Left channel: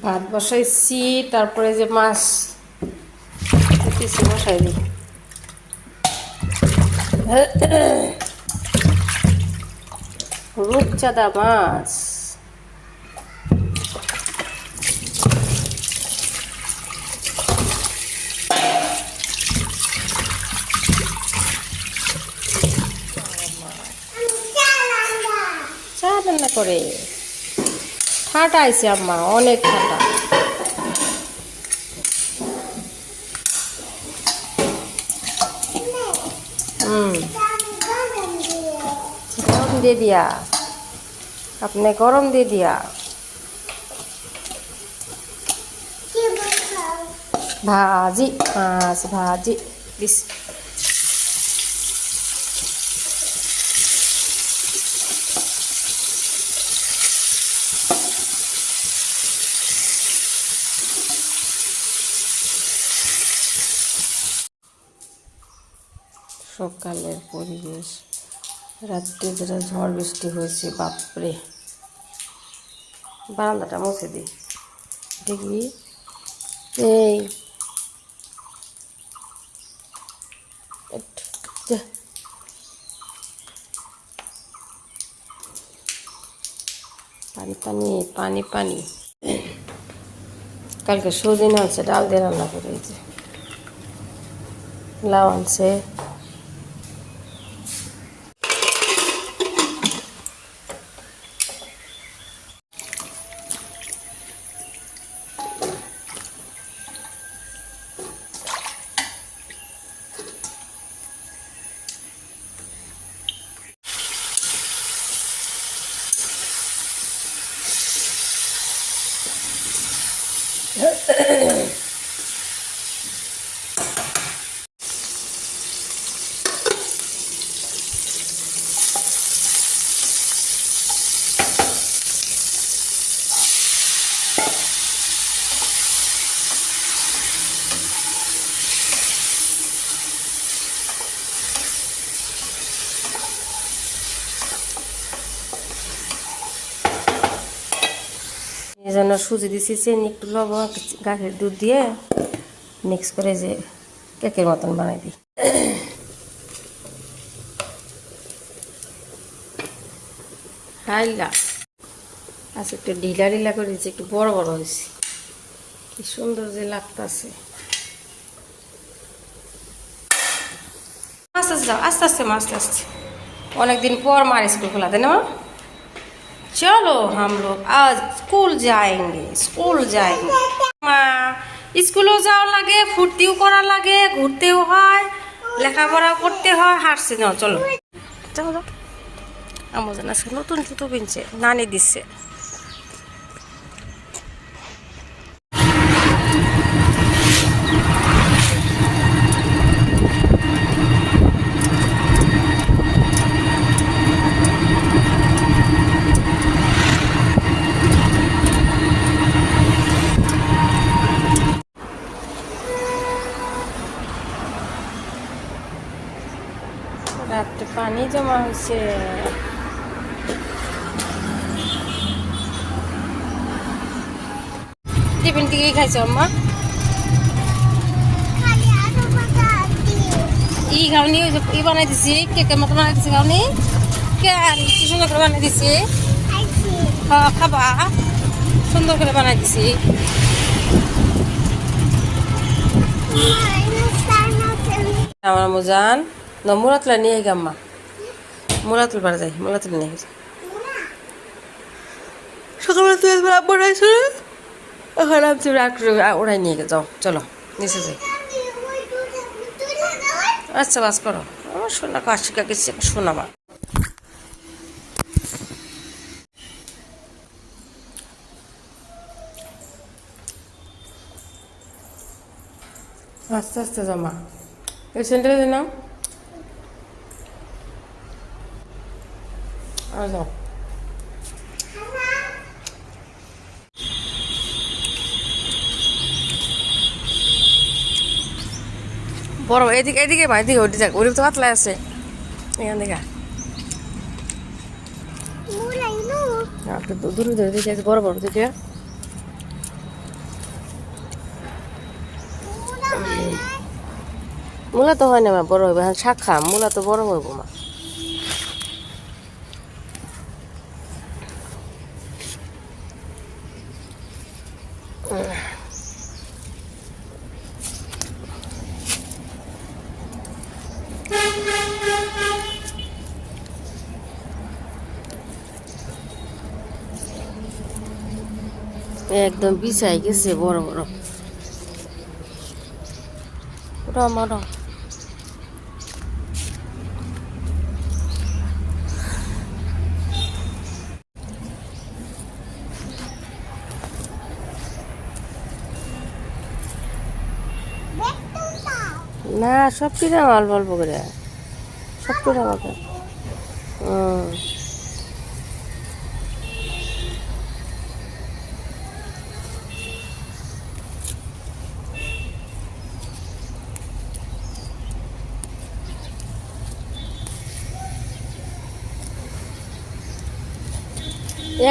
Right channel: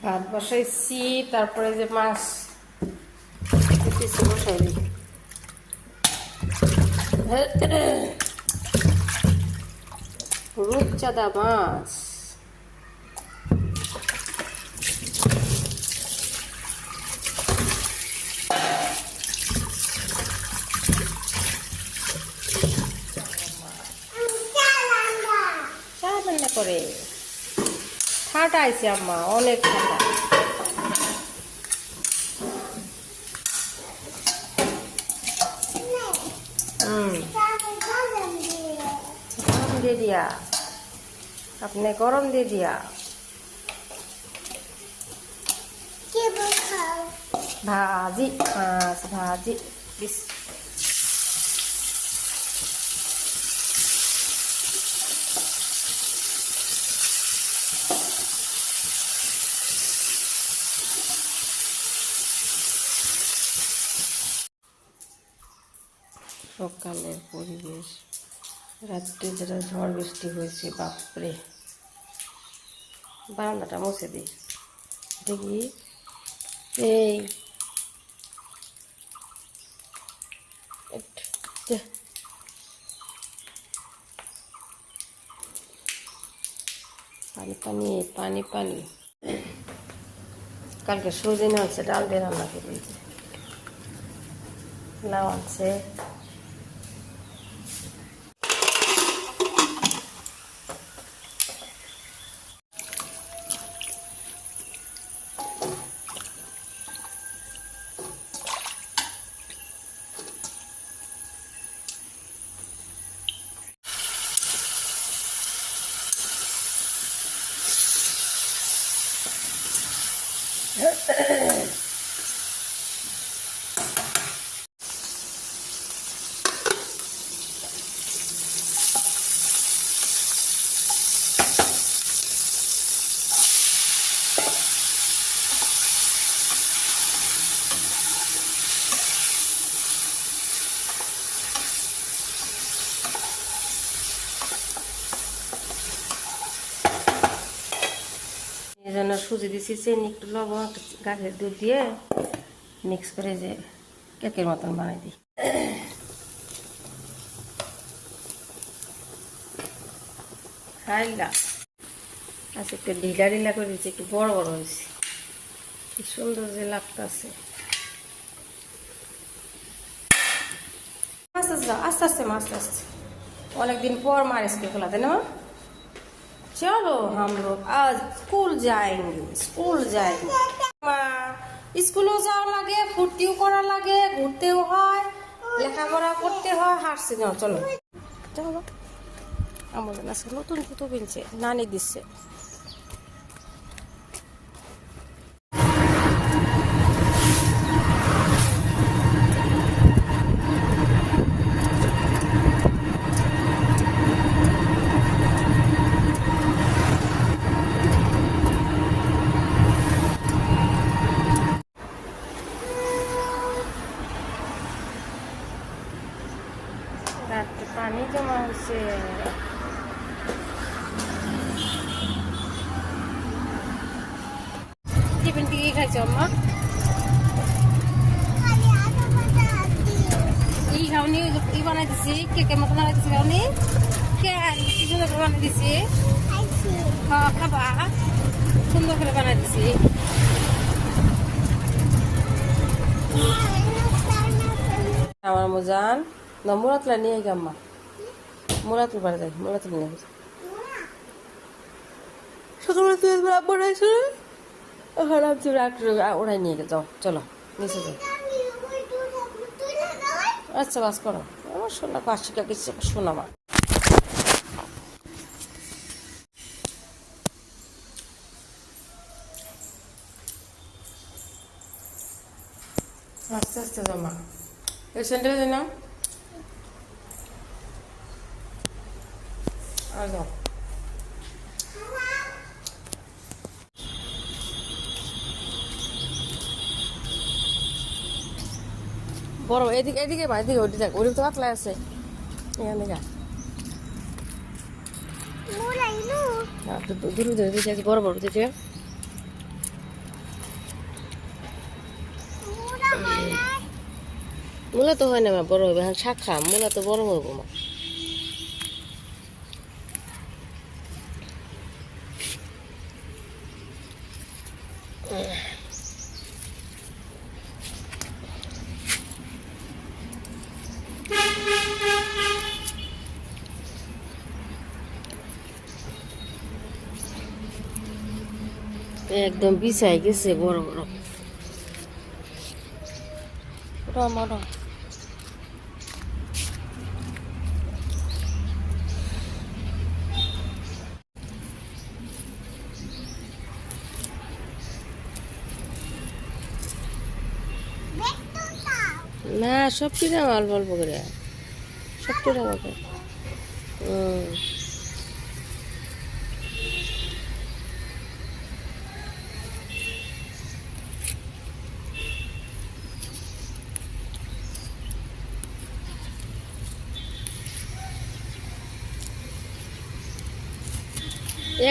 ভাত বসাইছি, তারপরে যে মাছ পিসি বসাই দিই। রূপচাঁদা মাছ। চা রান্না করে ঠাটা আইছে আম্মা, অনেক ঠাটা। গরম দিয়ে দিয়া, আপনি গরম দিয়ে দিয়া। ভাজি মাছ ভাজি দিস। সকালের পরিবেশ, রাত্রে যেটা ঝড় বৃষ্টি হয়েছে, বাপরে। বারান্দাটা মুছে দিই দেখি। এই পানি পানি পানি পানি। কালকে সজিনা আছে, ডাল দিয়ে রান্না করে দিয়েছে। লাউ আনছে। এই জন্য সুজি দিছি, চিনি, একটু লবণ, গাছের দুধ দিয়ে মিক্স করে যে কেকের মতন বানাই দিই। হাইলা আচ্ছা, একটু ঢিলা ঢিলা করে দিয়েছে, একটু বড় বড় হয়েছে। কি সুন্দর যে লাগতেছে। আস্তে আস্তে যাও, আস্তে আস্তে মা, আস্তে আস্তে। অনেকদিন পর मार स्कूल खुला था ना। चलो हम लोग आज स्कूल जाएंगे, स्कूल जाएंगे। স্কুলেও যাওয়া লাগে, ফুর্তিও করা লাগে, ঘুরতেও হয়, লেখাপড়া করতে হয়, হাঁটছে। যাও চলো যাও যাও। আমাদের আজকে নতুন জুতো কিনছে, নানি দিচ্ছে। রাত্রে পানি জমা হয়েছে। টিফিন থেকে খাইছো আম্মা? ই খাওনি, ওই যে ই বানাই দিছি, কেকের মতো বানাই দিছি। খাওনি কে? কি সুন্দর করে বানাই দিছি। খাবা, সুন্দর করে বানাই দিছি। আমার মুজান মুরাতলা নিয়ে গাম্মা, মুরাতুল বার যাই, মুরাতুল নিয়ে যাই। সকালবেলা তুই বানাইছো না, এখন আমি ওড়াই নিয়ে গে। যাও চলো নিচে যাই। আচ্ছা বাস করো। আমার সোনা কাশিকা গেছে, শোনা মা। আস্তে আস্তে জামা এই সেন্টারে নাও। আর যাও। বড় এদিকে এদিকে ভাই, এদিকে ওটি যাক, ওটি তো পাতলা আছে। এখান থেকে দূরে ধরে দেখে বড় বড় দেখে। মূলা তো হয় না মা, বড় হইবে। হ্যাঁ শাক খা, মূলা তো বড় হইব মা। একদম বিছাই গেছে বড় বড়। ওটা মারো। না সবটি দাও অল্প অল্প করে, সবটি দাও আমাকে।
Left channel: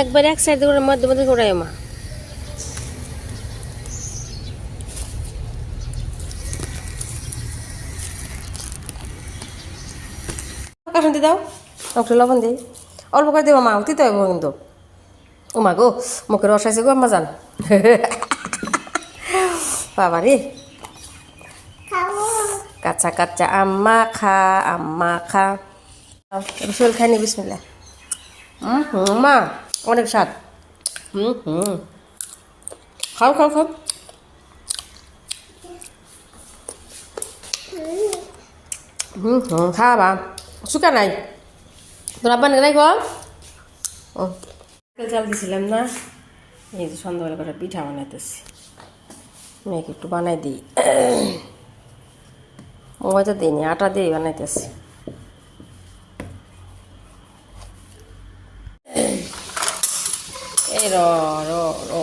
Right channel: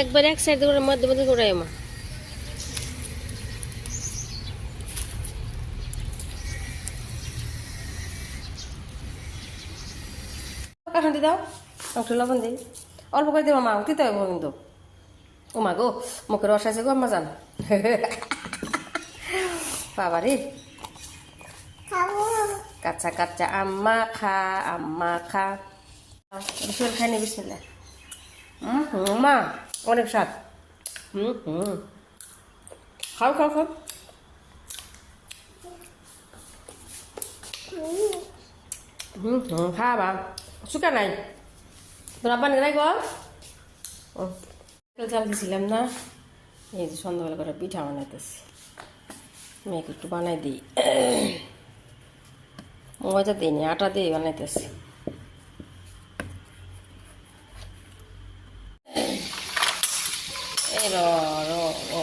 একবার এক সাইড করে মধ্যে মধ্যে ঘোরাই মা। কাঠুন দাও, একটু লবণ দিই, অল্প করে দেবো মা, দিতে হইব কিন্তু। ও মা গো, মুখে রস আছে গো আম্মা জান। বাবা রে, কাঁচা কাঁচা আম্মা খা, আম্মা খা। রসুল খাই নি, বিসমিল্লাহ। মা অনেক স্বাদ। খাও খাও খাও। খাবা শুকা নাই তোর আব্বা নাই গো। ও চাল দিছিলাম না, এই যে সন্ধ্যাবেলা করে পিঠা বানাইতেছি। মেয়েকে একটু বানাই দিই, ময়দা দিইনি, আটা দিয়ে বানাইতেছি। এই র র র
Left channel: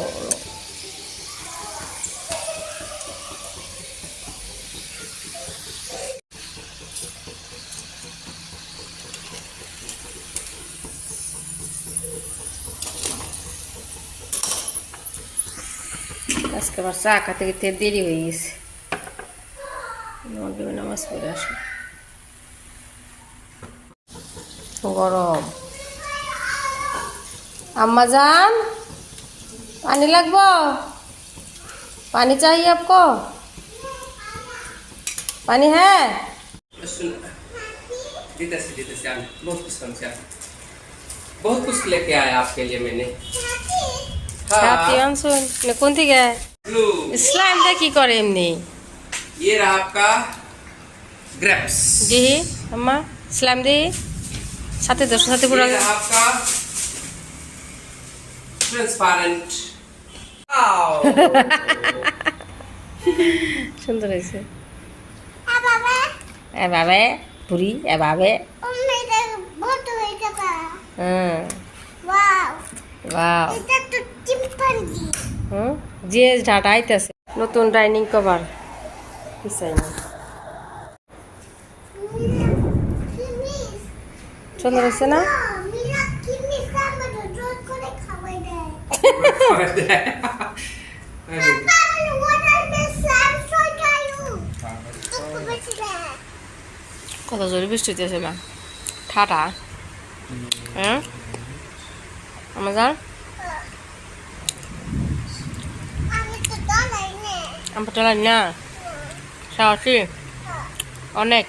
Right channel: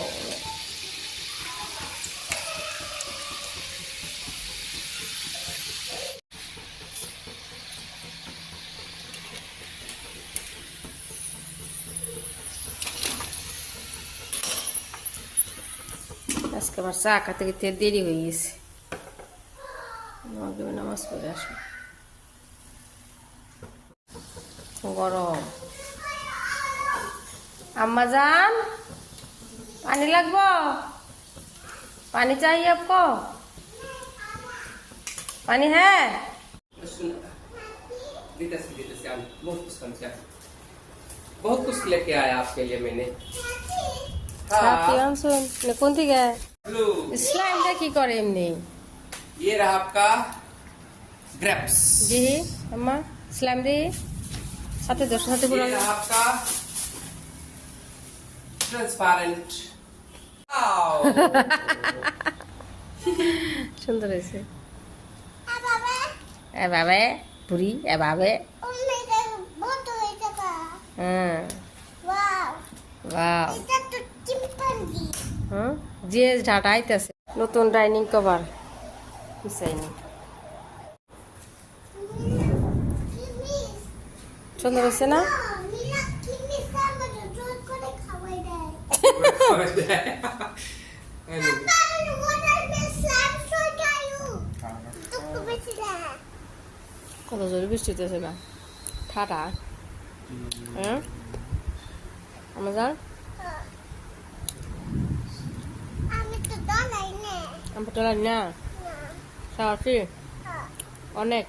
আজকে আবার চা খাতে খেতে দেরি হয়ে গেছে। নামাজ পড়ে আসো, গরম। আম্মা जान पानी लगबो, पानी चाहिए आपको, पानी है? बहुत कुछ लेके आया आपके लिए मैंने। कौन थी गया स्लाइम देखी करे एमनी। ये रहा आपका ग्रेप्स। जी अम्मा स्लाइम दी साथे दो साथे पूरा। ये रहा आपका ट्रांसपेरेंट। সুন্দর হয়েছে। এ বাবে পুরি এ বাবে। হ্যাঁ ওয়াও, যে ঢাটা আইতেছে নতুন ডাইনিং কভার পিছাইনি। সুন্দর হয়েছে না? কত জোরে বৃষ্টি হইতেছে না, ঠাটা। হ্যাঁ আমার যান আমার চলাই না সাহসী অনেক।